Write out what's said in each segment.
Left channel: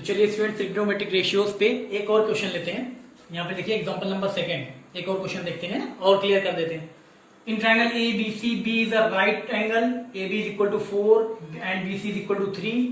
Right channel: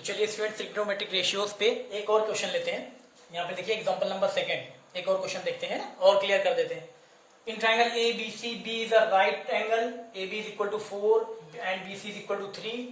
तो चलिए student trigonometric ratios पे एक और क्वेश्चन लेते हैं। यहाँ पे देखिए एग्जांपल नंबर सेकंड, एक और क्वेश्चन देखते हैं और क्लियर कर देते हैं। In triangle A B C, B is a right angle, A B is equal to 4 and B C is equal to 3।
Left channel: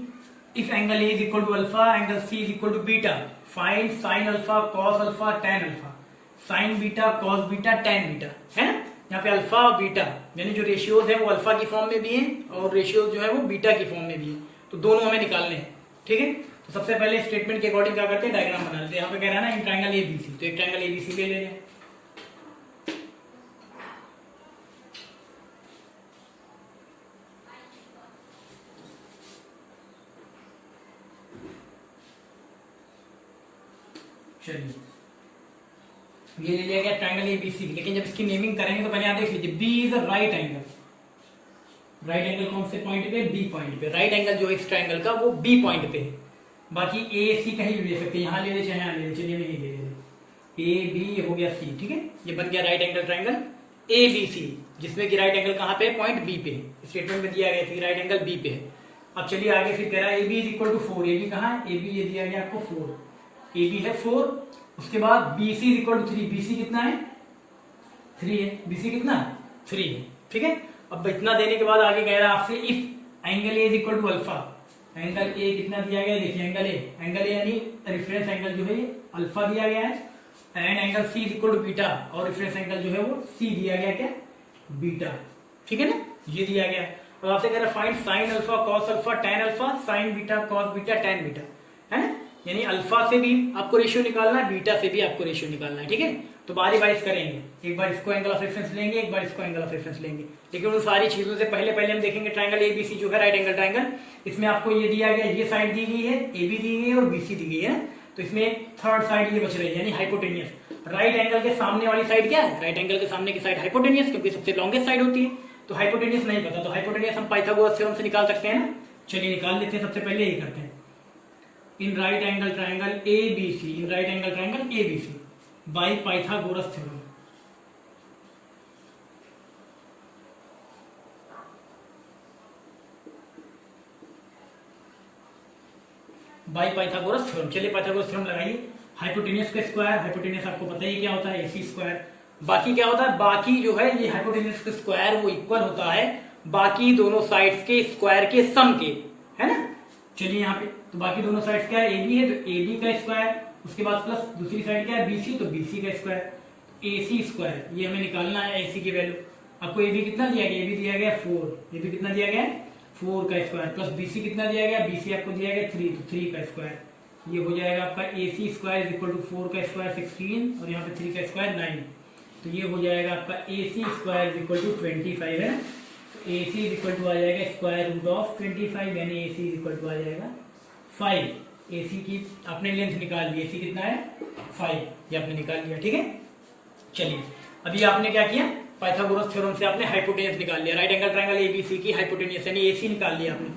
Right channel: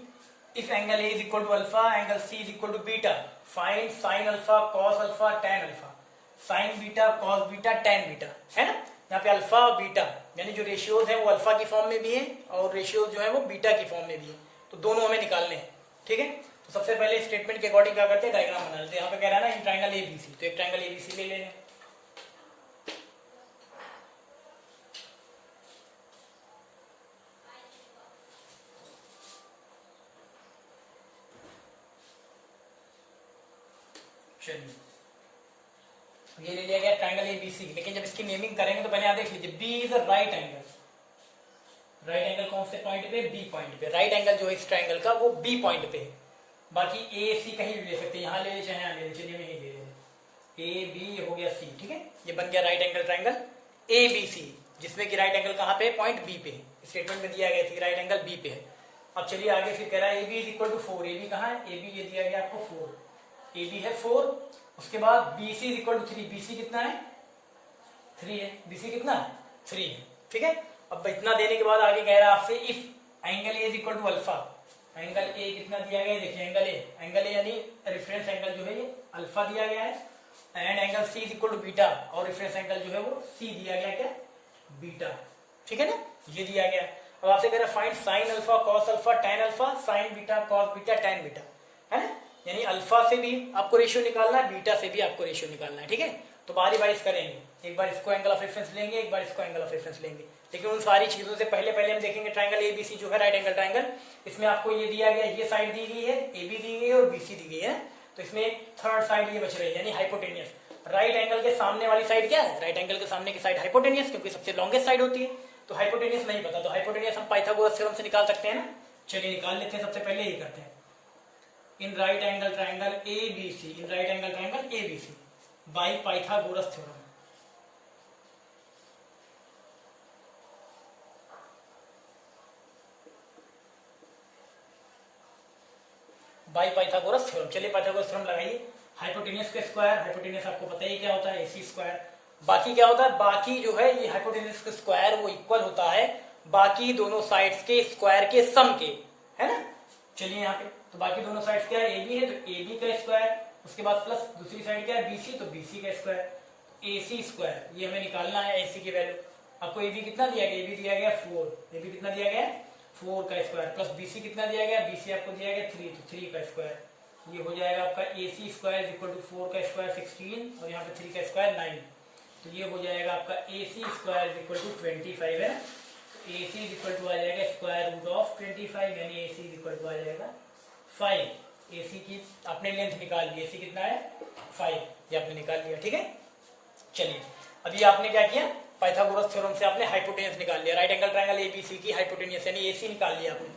If angle A is equal to alpha, angle C is equal to beta, find sine alpha, cos alpha, tan alpha. Sine beta, cos beta, tan beta, है ना। यहाँ पे alpha और beta यानी जो ratios है वो alpha की फॉर्म में भी है और रेशियोज जो है वो बीटा की फॉर्म में भी है, तो दोनों हमें निकालने हैं। ठीक है, तो सबसे पहले स्टेटमेंट के अकॉर्डिंग क्या करते हैं, डायग्राम बना लेते हैं। यहाँ पे कह रहा है ना इन ट्रायंगल एबीसी, तो एक ट्रायंगल एबीसी ले लेंगे। चलिए ये ले लिया गया ट्रायंगल एबीसी, लेकिन जब इसकी नेमिंग करेंगे तो पहले यहाँ देख लीजिए B is a right angle. Right angle कौन से पॉइंट पे, बी पॉइंट पे। राइट एंगल जो है इस ट्रायंगल का वो बी पॉइंट पे है। बाकी ए सी कहीं भी ले सकते हैं, यहाँ ले ले चाहे यहाँ ले ले। चलिए मैं ये ले ले, ए बी हो गया सी। ठीक है, ये बन गया right angle triangle A B C, जिसमें कि राइट एंगल कहाँ पे, पॉइंट बी पे है। स्टेटमेंट में दिया गया कि राइट एंगल बी पे है। अब चलिए आगे फिर कह रहा है A B is equal to 4। A B कहाँ है, ए बी ये दिया गया आपको 4, ए बी है 4। उसके बाद B C is equal to 3, B C कितना है 3 है, बी सी कितना 3 है। ठीक है, अब इतना देने के बाद आगे कह रहा है आपसे if angle A is equal to alpha, angle A कितना दिया गया है, देखिए एंगल ए यानी रेफरेंस एंगल जो है ये अल्फा दिया गया है, and angle C is equal to beta, और रेफरेंस एंगल जो है वो सी दिया गया क्या, बीटा। ठीक है ना, ये दिया गया है। अब आपसे कह रहा है find sine alpha, cos alpha, tan alpha, sine beta, cos beta, tan beta, है ना। यानी अल्फा से भी आपको रेशियो निकालना है, बीटा से भी आपको रेशियो निकालना है। ठीक है, तो बारी बारी करेंगे, एक बार इसको एंगल ऑफ रेफरेंस लेंगे, एक बार इसको एंगल ऑफ रेफरेंस लेंगे। लेकिन उन सारी चीजों से पहले हम देखेंगे ट्रायंगल एबीसी जो है राइट एंगल ट्रायंगल, इसमें आपको ये दिया गया, ये साइड दी गई है, ए बी दी गई है और बीसी दी गई है। तो इसमें थर्ड साइड ये बच रही है यानी हाइपोटेनियस। राइट एंगल के सामने वाली साइड क्या है, राइट एंगल के सामने की साइड हाइपोटेनियस, क्योंकि सबसे लॉन्गेस्ट साइड होती है। तो हाइपोटेनियस नहीं पता तो हाइपोटेनियस हम पाइथागोरस थ्योरम से निकाल सकते हैं ना। चलिए निकाल लेते हैं। सबसे पहले ये करते हैं, in right angle triangle A B C, in right angle triangle A B C by Pythagoras theorem. By Pythagoras theorem. चलिए पाइथागोरस थ्योरम लगाइए। हाइपोटेनियस का स्क्वायर, हाइपोटेनियस आपको पता ही क्या होता है, एसी स्क्वायर। बाकी क्या होता है, बाकी जो है ये हाइपोटेनियस का स्क्वायर वो इक्वल होता है बाकी दोनों साइड्स के स्क्वायर के सम के, है ना। चलिए यहाँ पे तो बाकी दोनों साइड्स क्या है, ए बी है तो ए बी का स्क्वायर, उसके बाद प्लस दूसरी साइड क्या है बीसी, तो बीसी का स्क्वायर, ए सी स्क्वायर। ये हमें निकालना है ए सी की वैल्यू। आपको ए बी कितना दिया गया, ए बी दिया गया 4, ए बी कितना दिया गया 4 का स्क्वायर, प्लस बीसी कितना दिया गया, बीसी आपको दिया गया 3, तो 3 का स्क्वायर। ये हो जाएगा आपका ए सी स्क्वायर इज इक्वल टू 4 का स्क्वायर 16, और यहाँ पे 3 का स्क्वायर 9, तो ये हो जाएगा आपका ए सी स्क्वायर इज इक्वल टू 25 है ना। ए सी इज इक्वल टू आ जाएगा स्क्वायर रूट ऑफ 25, यानी ए सी इज इक्वल टू आ जाएगा 5। ए सी की आपने लेंथ निकाल ली, ए सी कितना है 5, ये आपने निकाल लिया। ठीक है, चलिए अभी आपने क्या किया, पाइथागोरस थ्योरम से आपने हाइपोटेनियस निकाल लिया, राइट एंगल ट्रायंगल एबीसी की हाइपोटेनियस यानी एसी निकाल लिया आपने।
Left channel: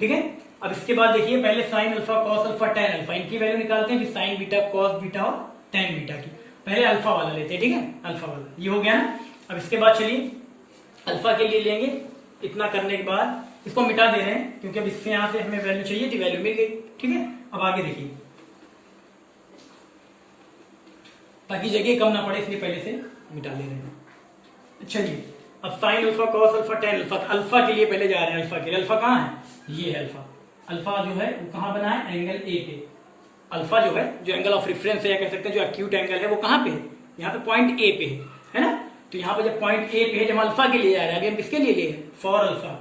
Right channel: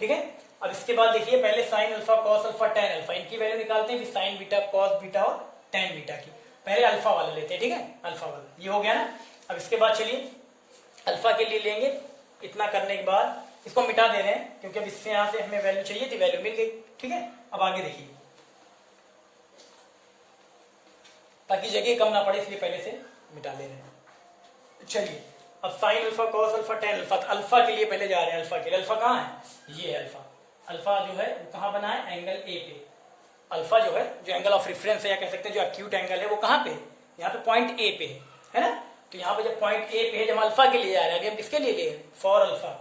ठीक है, अब इसके बाद देखिए पहले sign alpha, cos alpha, tan alpha, इनकी वैल्यू निकालते हैं, फिर साइन बीटा, कॉस बीटा और tan बीटा की। पहले अल्फा वाला लेते हैं। ठीक है, अल्फा वाला ये हो गया ना। अब इसके बाद चलिए अल्फा के लिए लेंगे। इतना करने के बाद इसको मिटा दे रहे हैं क्योंकि अब इससे यहां से हमें वैल्यू चाहिए थी, वैल्यू मिल गई। ठीक है, अब आगे देखिए ताकि जगह कम ना पड़े, इसलिए पहले से मिटा ले रहे हैं। चलिए अब sign alpha, cos alpha, tan alpha, alpha के लिए पहले जा रहे हैं। अल्फा के लिए, अल्फा कहाँ है, ये है अल्फा। अल्फा जो है वो कहाँ बना है, एंगल ए पे। अल्फा जो है जो एंगल ऑफ रेफरेंस है या कह सकते हैं जो एक्यूट एंगल है वो कहाँ पे है, यहाँ पे पॉइंट ए पे है ना। तो यहाँ पे जब पॉइंट ए पे है, जब अल्फा के लिए जा रहे हैं, अभी हम किसके लिए लिए, फॉर अल्फा।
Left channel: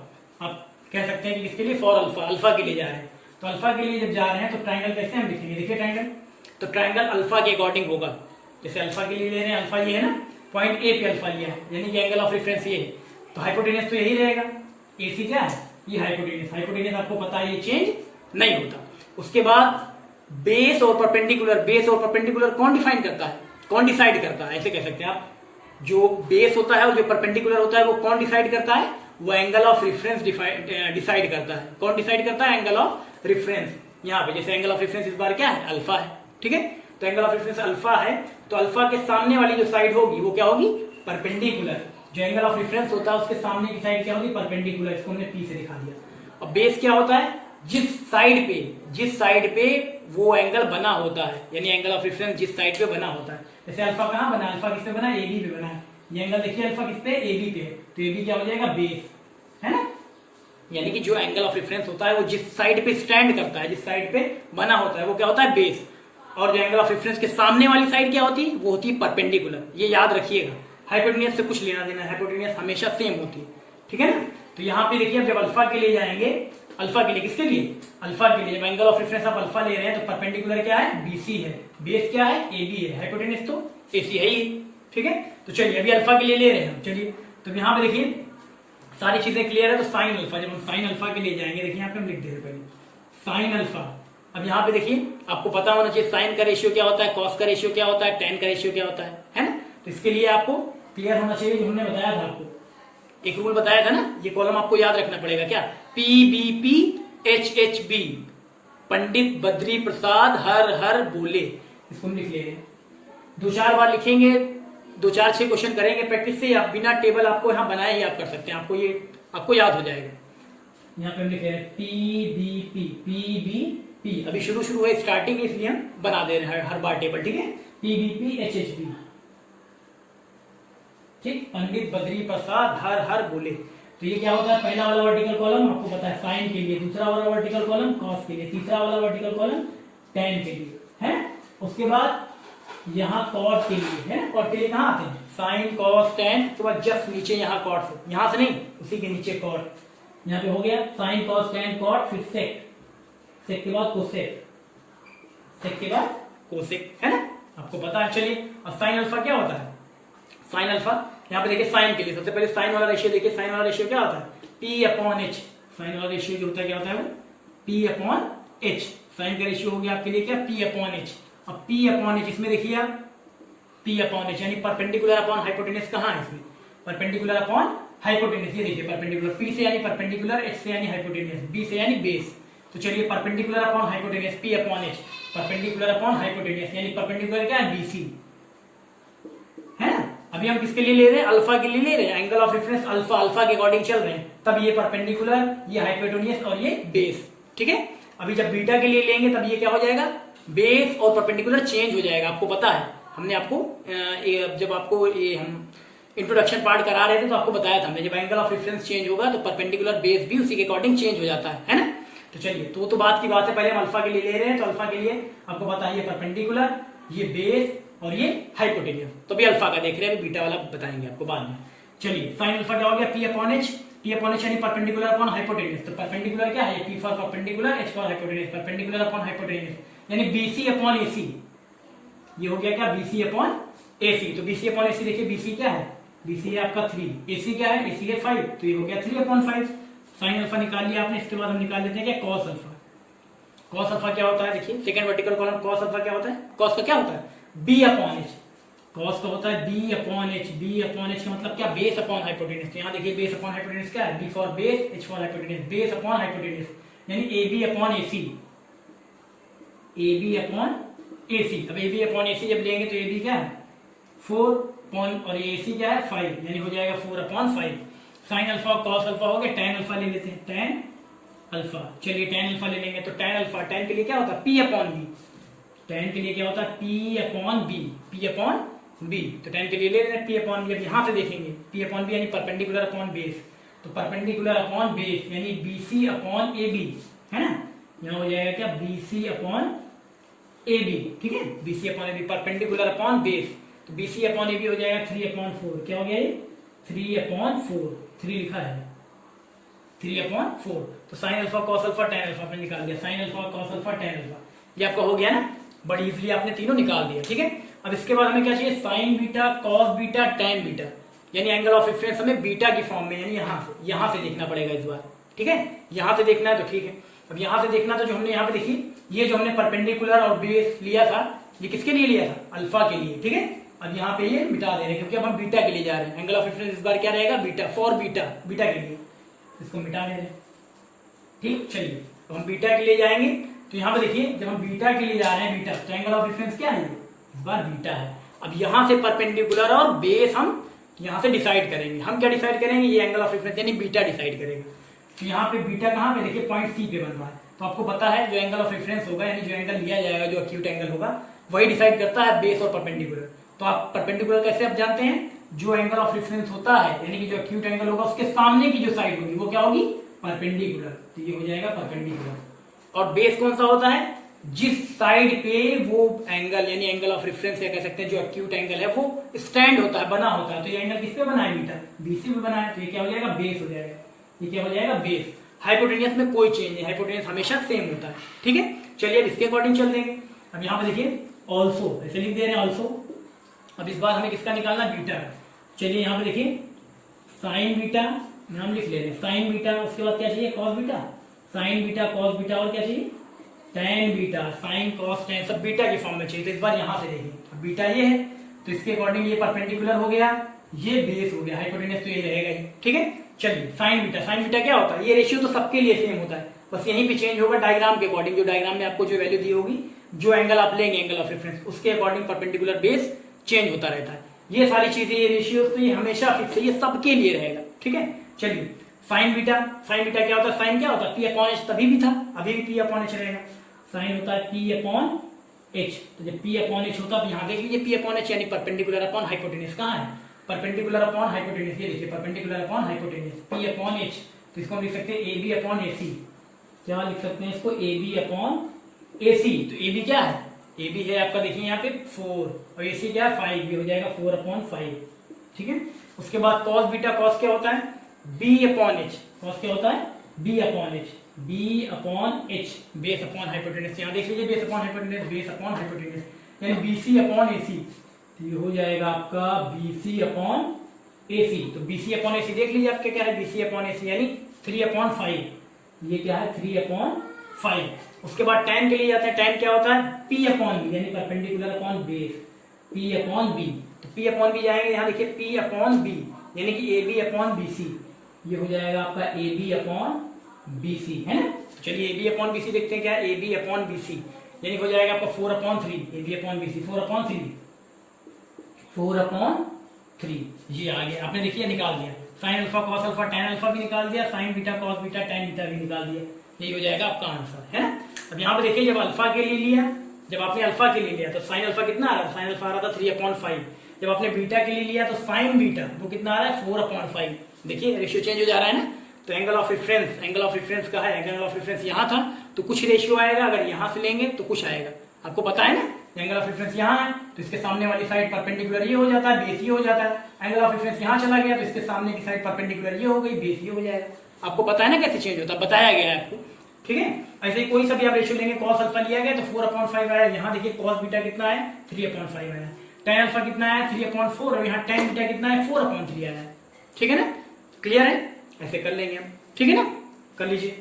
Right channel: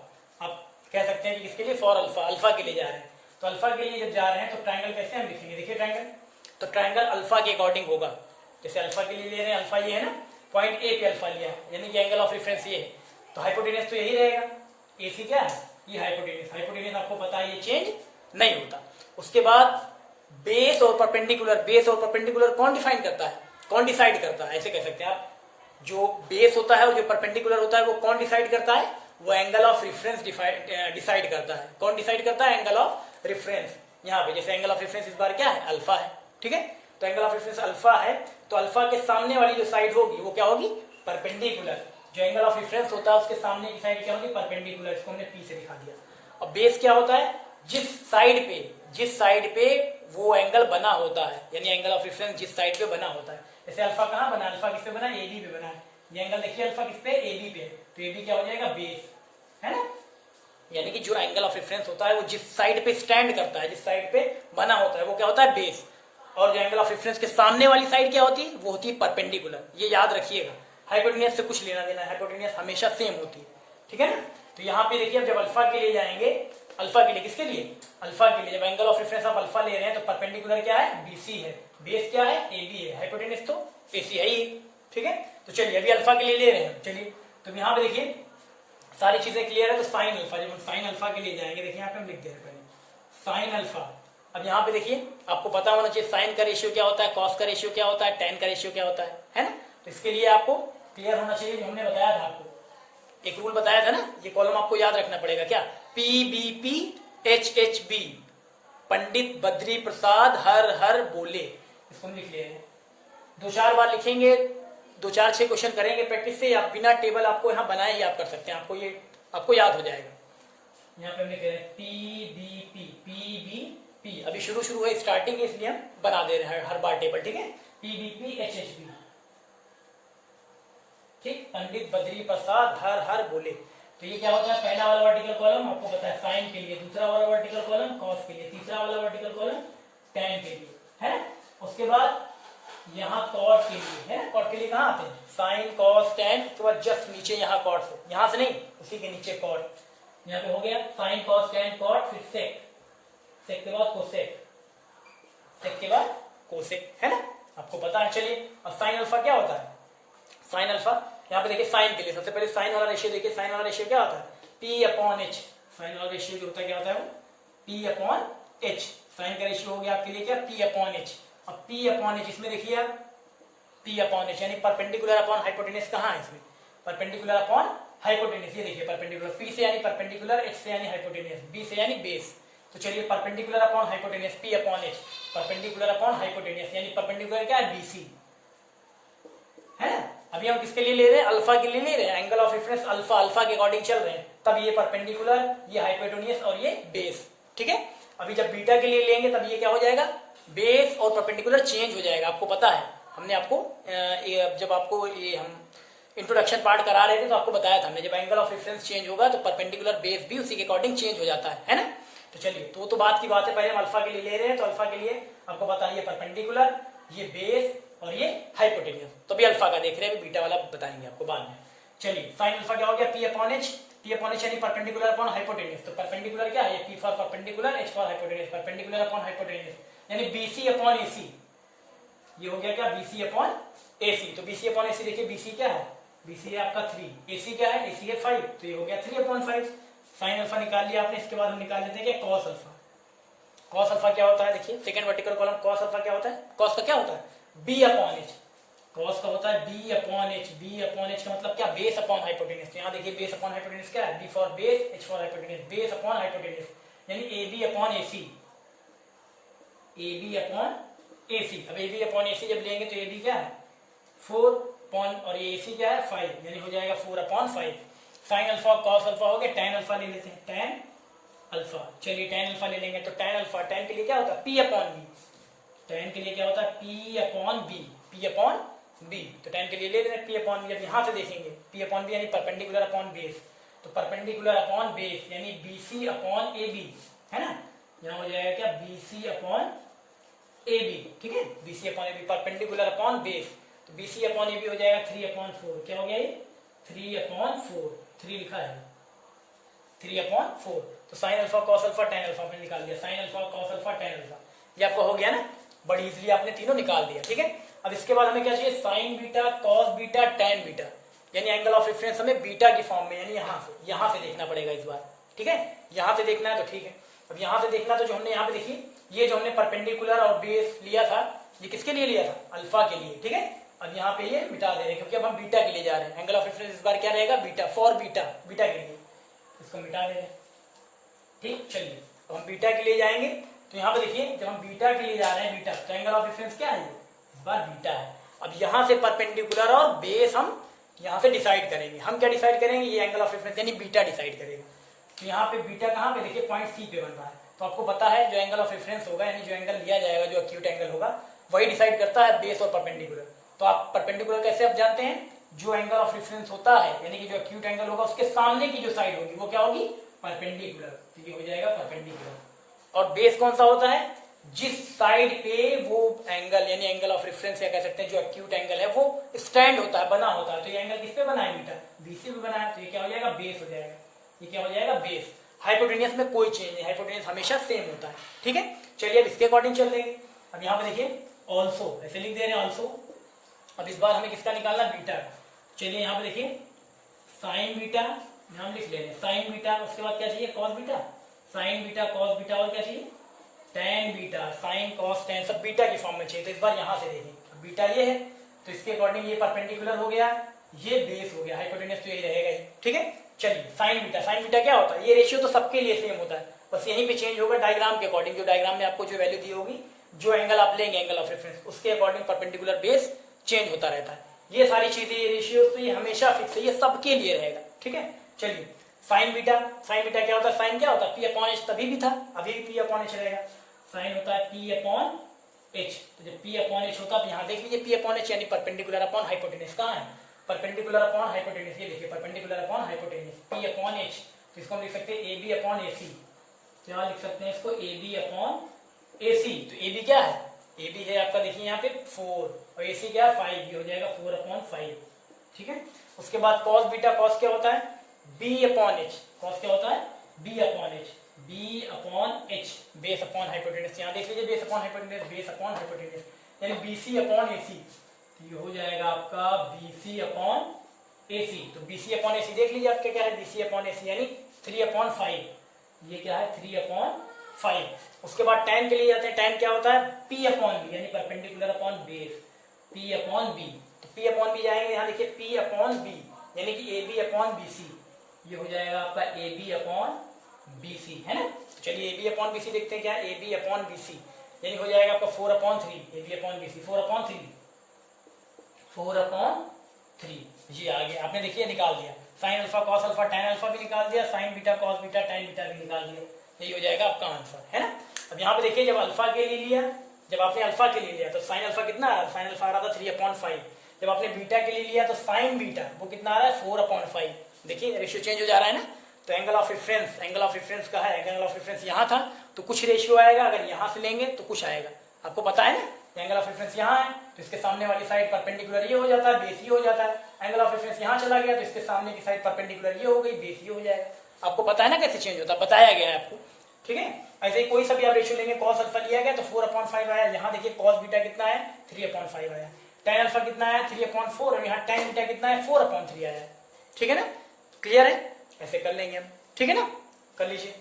आप कह सकते हैं कि किसके लिए, फॉर अल्फा, अल्फा के लिए जा रहे हैं। तो अल्फा के लिए जब जा रहे हैं तो ट्रायंगल कैसे हम लिखेंगे, देखिए ट्रायंगल, तो ट्रायंगल अल्फा के अकॉर्डिंग होगा। जैसे अल्फा के लिए ले रहे हैं, अल्फा ये है ना, पॉइंट ए पे अल्फा लिया है, यानी कि एंगल ऑफ रेफरेंस ये है, तो हाइपोटेनियस तो यही रहेगा। ए सी क्या है, ये हाइपोटेनियस। हाइपोटेनियस आपको पता है ये चेंज नहीं होता। उसके बाद बेस और परपेंडिकुलर, बेस और परपेंडिकुलर कौन डिफाइन करता है, कौन डिसाइड करता है, ऐसे कह सकते हैं आप। जो बेस होता है और जो परपेंडिकुलर होता है वो कौन डिसाइड करता है, वो एंगल ऑफ रेफरेंस डिसाइड करता है। कौन डिसाइड करता है, एंगल ऑफ रेफरेंस। यहाँ पे जैसे एंगल ऑफ रेफरेंस इस बार क्या है, अल्फा है। ठीक है, तो एंगल ऑफ रेफरेंस अल्फा है, तो अल्फा के सामने वाली जो साइड होगी वो क्या होगी, परपेंडिकुलर। जो एंगल ऑफ रेफरेंस होता है उसके सामने की साइड क्या होगी, परपेंडिकुलर। इसको हमने पी से दिखा दिया। अब बेस क्या होता है, जिस साइड पे वो एंगल बना होता है, यानी एंगल ऑफ रेफरेंस जिस साइड पे बना होता है। जैसे अल्फा कहाँ बना, अल्फा किस पे बना, ए बी पे बना है। ये एंगल देखिए अल्फा किस पे, ए बी पे, तो ए बी क्या हो जाएगा, बेस, है ना। यानी कि जो एंगल ऑफ रेफरेंस होता है वो जिस साइड पे स्टैंड करता है, जिस साइड पे बना होता है वो क्या होता है, बेस। और जो एंगल ऑफ रेफरेंस के सामने वाली साइड क्या होती है, वो होती है परपेंडिकुलर। ये याद रखिएगा, हाइपोटेन्यूज से कुछ लेना देना है, हाइपोटेन्यूज हमेशा सेम होती है, ठीक है ना। तो यहाँ पे देखिए जब अल्फा के लिए जाएंगे, अल्फा के लिए, किसके लिए, अल्फा के लिए, जब एंगल ऑफ रेफरेंस आप अल्फा ले रहे हैं तो परपेंडिकुलर क्या है, बीसी है, बेस क्या है, ए बी है, हाइपोटेन्यूज तो एसी है ही, ठीक है। तो चलिए अभी अल्फा के लिए ले रहे हैं, चलिए तो यहाँ पे देखिए सारी चीजें क्लियर है। तो साइन अल्फा, जब हम साइन अल्फा के लिए जाएंगे, देखिए यहाँ पे हम लिख दे रहे पहले साइन अल्फा। अब यहाँ पे देखिए आपको पता होना चाहिए साइन का रेशियो क्या होता है, कॉस का रेशियो क्या होता है, टेन का रेशियो क्या होता है ना। तो इसके लिए आपको क्लियर होना चाहिए, जो हमने बताया था आपको, एक रूल बताया था ना, ये कॉलम आपको याद रखना पड़ेगा, क्या, PBP HHB, पंडित बद्री प्रसाद हर हर बोले। इसको हम लिख ले रहे हैं, 2-4 बार लिखेंगे, 2-4-6 क्वेश्चन करेंगे प्रैक्टिस से, आप बिना टेबल आपको यहाँ बनाए ही आप कर सकते हैं, आपको याद हो जाएगा। यहाँ पे हम लिख रहे हैं PBP, अभी शुरू है स्टार्टिंग, इसलिए हम बना दे रहे हैं हर बार टेबल, ठीक है। PBP HHB, ठीक, पंडित बद्री प्रसाद हर हर बोले। तो ये क्या होता है, पहला वाला वर्टिकल कॉलम आपको पता है साइन के लिए, दूसरा वाला वर्टिकल कॉलम कॉस के लिए, तीसरा वाला वर्टिकल कॉलम टेन के लिए, है ना। उसके बाद यहाँ कॉट के लिए, है ना, कॉट के लिए कहाँ आते हैं, साइन कॉस टेन, उसके बाद जस्ट नीचे यहाँ कॉट से, यहाँ से नहीं उसी के नीचे कॉट, यहाँ पे हो गया साइन कॉस टेन कॉट, फिर सेक, सेक के बाद कोसेक, सेक के बाद कोसेक, है ना, आपको पता है। चलिए अब साइन अल्फा क्या होता है, साइन अल्फा यहाँ पे देखिए साइन के लिए सबसे पहले साइन वाला रेशियो देखिए, साइन वाला रेशियो क्या होता है, P/H, साइन वाला रेशियो जो होता है क्या होता है वो P/H, साइन का रेशियो हो गया आपके लिए क्या, P/H। अब P/H इसमें देखिए आप P/H यानी परपेंडिकुलर अपॉन हाइपोटेन्यूज कहाँ है इसमें, परपेंडिकुलर अपॉन हाइपोटेन्यूज, ये देखिए परपेंडिकुलर, P से यानी परपेंडिकुलर, H से यानी हाइपोटेन्यूज, B से यानी बेस। तो चलिए perpendicular upon hypotenuse P/H, perpendicular upon hypotenuse यानी परपेंडिकुलर क्या है, BC, है ना। अभी हम किसके लिए ले रहे हैं, अल्फा के लिए ले रहे हैं, एंगल ऑफ रेफरेंस अल्फा के अकॉर्डिंग चल रहे हैं, तब ये परपेंडिकुलर, ये हाइपोटेन्यूज और ये बेस, ठीक है। अभी जब बीटा के लिए लेंगे तब ये क्या हो जाएगा, बेस और परपेंडिकुलर चेंज हो जाएगा, आपको पता है, हमने आपको जब आपको ये हम इंट्रोडक्शन पार्ट करा रहे थे तो आपको बताया था हमने, जब एंगल ऑफ रेफरेंस चेंज होगा तो परपेंडिकुलर बेस भी उसी के अकॉर्डिंग चेंज हो जाता है ना। तो चलिए तो बात की बात है, पहले हम अल्फा के लिए ले रहे हैं, तो अल्फा के लिए आपको पता है ये परपेंडिकुलर, ये बेस और ये हाइपोटेन्यूज। तो भी अल्फा का देख रहे हैं, बीटा वाला बताएंगे आपको बाद में। चलिए साइन अल्फा क्या हो गया, P/H, P/H यानी परपेंडिकुलर अपॉन हाइपोटेन्यूज। तो परपेंडिकुलर क्या है, P for perpendicular, H for hypotenuse, perpendicular upon hypotenuse यानी BC/AC, ये हो गया क्या, BC/AC। तो BC/AC देखिए, BC क्या है, BC है आपका 3, AC क्या है, AC है 5, तो ये हो गया 3/5। साइन अल्फा निकाल लिया आपने, इसके बाद हम निकाल लेते हैं क्या, कॉस अल्फा। कॉस अल्फा क्या होता है, देखिए second vertical column, cos alpha क्या होता है, कॉस का क्या होता है, B/H, कॉस का होता है B/H, B/H का मतलब क्या, बेस अपॉन हाइपोटेन्यूज। यहाँ देखिए बेस अपॉन हाइपोटेन्यूज क्या है, B for base, H for hypotenuse, base upon hypotenuse यानी AB/AC, AB/AC। अब AB/AC जब लेंगे तो AB क्या है 4 और ये AC क्या है 5, यानी हो जाएगा 4/5। साइन अल्फा कॉस अल्फा हो गया, टेन अल्फा ले लेते हैं, टेन अल्फा। चलिए टेन अल्फा ले लेंगे तो टेन अल्फा, टेन के लिए क्या होता है P/B, टेन के लिए क्या होता है P/B, तो टेन के लिए ले लें P/B। अब यहां से देखेंगे P/B यानी परपेंडिकुलर अपॉन बेस, तो परपेंडिकुलर अपॉन बेस यानी BC/AB, है ना। यहां हो जाएगा क्या, BC/AB, ठीक है, BC/AB परपेंडिकुलर अपॉन बेस, तो BC/AB हो जाएगा 3/4, क्या हो गया ये 3/4, 3 लिखा है 3/4। तो sign alpha cos alpha tan alpha आपने निकाल दिया, sign alpha cos alpha tan alpha, ये आपका हो गया ना, बड़ी इजीली आपने तीनों निकाल दिया, ठीक है। अब इसके बाद हमें क्या चाहिए, sign beta cos beta tan beta, यानी एंगल ऑफ रेफरेंस हमें बीटा की फॉर्म में, यानी यहां से देखना पड़ेगा इस बार, ठीक है। यहां से देखना है तो ठीक है। अब यहां से देखना तो जो हमने यहाँ पे देखी, ये जो हमने परपेंडिकुलर और बेस लिया था, ये किसके लिए लिया था, अल्फा के लिए, ठीक है। अब यहाँ पे ये मिटा दे रहे हैं क्योंकि अब हम बीटा के लिए जा रहे हैं, एंगल ऑफ रेफरेंस इस बार क्या रहेगा, बीटा फॉर बीटा के लिए, इसको मिटा दे रहे हैं, ठीक। चलिए तो हम बीटा के लिए जाएंगे, तो यहाँ पे देखिए जब हम बीटा के लिए जा रहे हैं, बीटा तो एंगल ऑफ रेफरेंस क्या है, इस बार बीटा है। अब यहां से परपेंडिकुलर और बेस हम यहां से डिसाइड करेंगे, हम क्या डिसाइड करेंगे, ये एंगल ऑफ रेफरेंस यानी बीटा डिसाइड करेगा। तो यहाँ पे बीटा कहाँ पे देखिए पॉइंट सी पे बन रहा है। तो आपको पता है जो एंगल ऑफ रेफरेंस होगा यानी जो एंगल लिया जाएगा जो एक्यूट एंगल होगा वही डिसाइड करता है बेस और परपेंडिकुलर। तो आप परपेंडिकुलर कैसे आप जानते हैं, जो एंगल ऑफ रेफरेंस होता है यानी कि जो एक्यूट एंगल होगा उसके सामने की जो साइड होगी वो क्या होगी, परपेंडिकुलर। तो ये हो जाएगा परपेंडिकुलर। और बेस कौन सा होता है, जिस साइड पे वो एंगल यानी एंगल ऑफ रेफरेंस या कह सकते हैं जो एक्यूट एंगल है वो स्टैंड होता है, बना होता है। तो ये एंगल किस पे बना है, बीटा, बीसी पे बना है। तो ये क्या हो जाएगा, बेस हो जाएगा। ये क्या हो जाएगा, बेस। हाइपोटेनियस में कोई चेंज नहीं, हाइपोटेनियस हमेशा सेम होता है। ठीक है, चलिए अब इसके अकॉर्डिंग चल देंगे। अब यहाँ पे देखिए ऑल्सो ऐसे लिख दे रहे हैं ऑल्सो। अब इस बार हमें किसका निकालना, बीटा। चलिए यहाँ पे देखिए साइन बीटा नाम लिख ले रहे हैं, साइन बीटा। उसके बाद क्या चाहिए, cos beta, sign beta cos beta, और क्या चाहिए, tan beta, sine cos tan, सब बीटा की फॉर्म में चाहिए। तो इस बार यहां से देखिए बीटा ये है तो इसके अकॉर्डिंग ये परपेंडिकुलर हो गया, ये बेस हो गया, हाइपोटेनस तो ये रहेगा ही। ठीक है, चलिए साइन बीटा, साइन बीटा क्या होता है, ये रेशियो तो सबके लिए सेम होता है, बस यहीं पे चेंज होगा डायग्राम के अकॉर्डिंग। जो डायग्राम में आपको जो वैल्यू दी होगी, जो एंगल आप लेंगे एंगल ऑफ रेफरेंस, उसके अकॉर्डिंग परपेंडिकुलर बेस चेंज होता रहता है। ये सारी चीजें, ये रेशियो तो ये हमेशा फिक्स है, ये सबके लिए रहेगा। ठीक है, चलिए साइन बीटा, साइन बीटा क्या होता है, साइन क्या होता है, पी अपॉन एच, तभी भी था अभी भी पी अपॉन एच रहेगा। साइन होता है पी अपॉन एच। तो जब पी अपॉन एच होता है, यहां देख लीजिए पी अपॉन एच यानी परपेंडिकुलर अपॉन हाइपोटेनस। कहां है, परपेंडिकुलर अपॉन हाइपोटेनस, ये देखिए perpendicular upon hypotenuse, P upon H. तो इसको हम लिख सकते हैं ए बी अपॉन ए सी। क्या लिख सकते हैं इसको, ए बी अपॉन ए सी। तो ए बी क्या है, ए बी है आपका देखिए यहाँ पे 4 और ए सी क्या है 5, ये हो जाएगा 4 अपॉन 5। ठीक है, उसके बाद कॉस बीटा, कॉस क्या होता है, बी अपॉन एच, कॉस क्या होता है, B upon H, B upon H, base upon hypotenuse. यहाँ देख लीजिए base upon hypotenuse, base upon hypotenuse यानी बीसी अपॉन एसी। तो ये हो जाएगा आपका बीसी अपॉन एसी। तो बीसी अपॉन एसी देख लीजिए आपके क्या है, बीसी अपॉन एसी यानी 3 अपॉन 5। ये क्या है 3 अपॉन 5। उसके बाद tan के लिए जाते हैं, tan क्या होता है, P अपॉन बी यानी perpendicular upon base, P upon B. तो P अपॉन बी जाएंगे, यहाँ देखिए P अपॉन बी यानी कि A B upon B C. ये हो जाएगा आपका A B upon B C, है ना। तो चलिए A B upon B C देखते हैं क्या है, A B upon B C यानी हो जाएगा आपका 4 upon 3, A B upon B C 4 upon 3, 4 upon 3। ये आ गया, आपने देखिए निकाल दिया। Sign alpha cos alpha tan alpha भी निकाल दिया, sign beta cos beta tan beta भी निकाल दिया। यही हो जाएगा आपका आंसर, है ना। अब यहाँ पे देखिए जब अल्फा के लिए लिया, जब आपने अल्फा के लिए लिया तो साइन अल्फा कितना आ रहा है, साइन अल्फा आ रहा था 3 अपॉन 5। जब आपने बीटा के लिए लिया तो साइन बीटा वो कितना आ रहा है 4 अपॉन 5। देखिए रेशियो चेंज हो जा रहा है ना। तो angle of reference, angle of reference का है, एंगल ऑफ रेफरेंस यहाँ था तो कुछ रेशियो आएगा, अगर यहाँ से लेंगे तो कुछ आएगा। आपको पता है ना, एंगल ऑफ रेफरेंस यहाँ है तो इसके सामने वाली साइड परपेंडिकुलर ये हो जाता है, बेस ये हो जाता है। एंगल ऑफ रेफरेंस यहाँ चला गया तो इसके सामने की साइड परपेंडिकुलर ये हो गई, बेस ये हो जाएगा। आपको पता है ना कैसे चेंज होता है, बताया गया है आपको। ठीक है, ऐसे ही कोई सा भी आप रेशियो लेंगे, कॉस अल्फा लिया गया तो 4 अपॉन 5 आया। यहाँ देखिए कॉस बीटा कितना है 3 अपॉन 5 आया। टेन अल्फा कितना है 3 अपॉन 4 और यहाँ टेन बीटा कितना है 4 अपॉन 3 आया। ठीक है ना, क्लियर है, ऐसे कर लेंगे हम। ठीक है ना, कर लीजिए।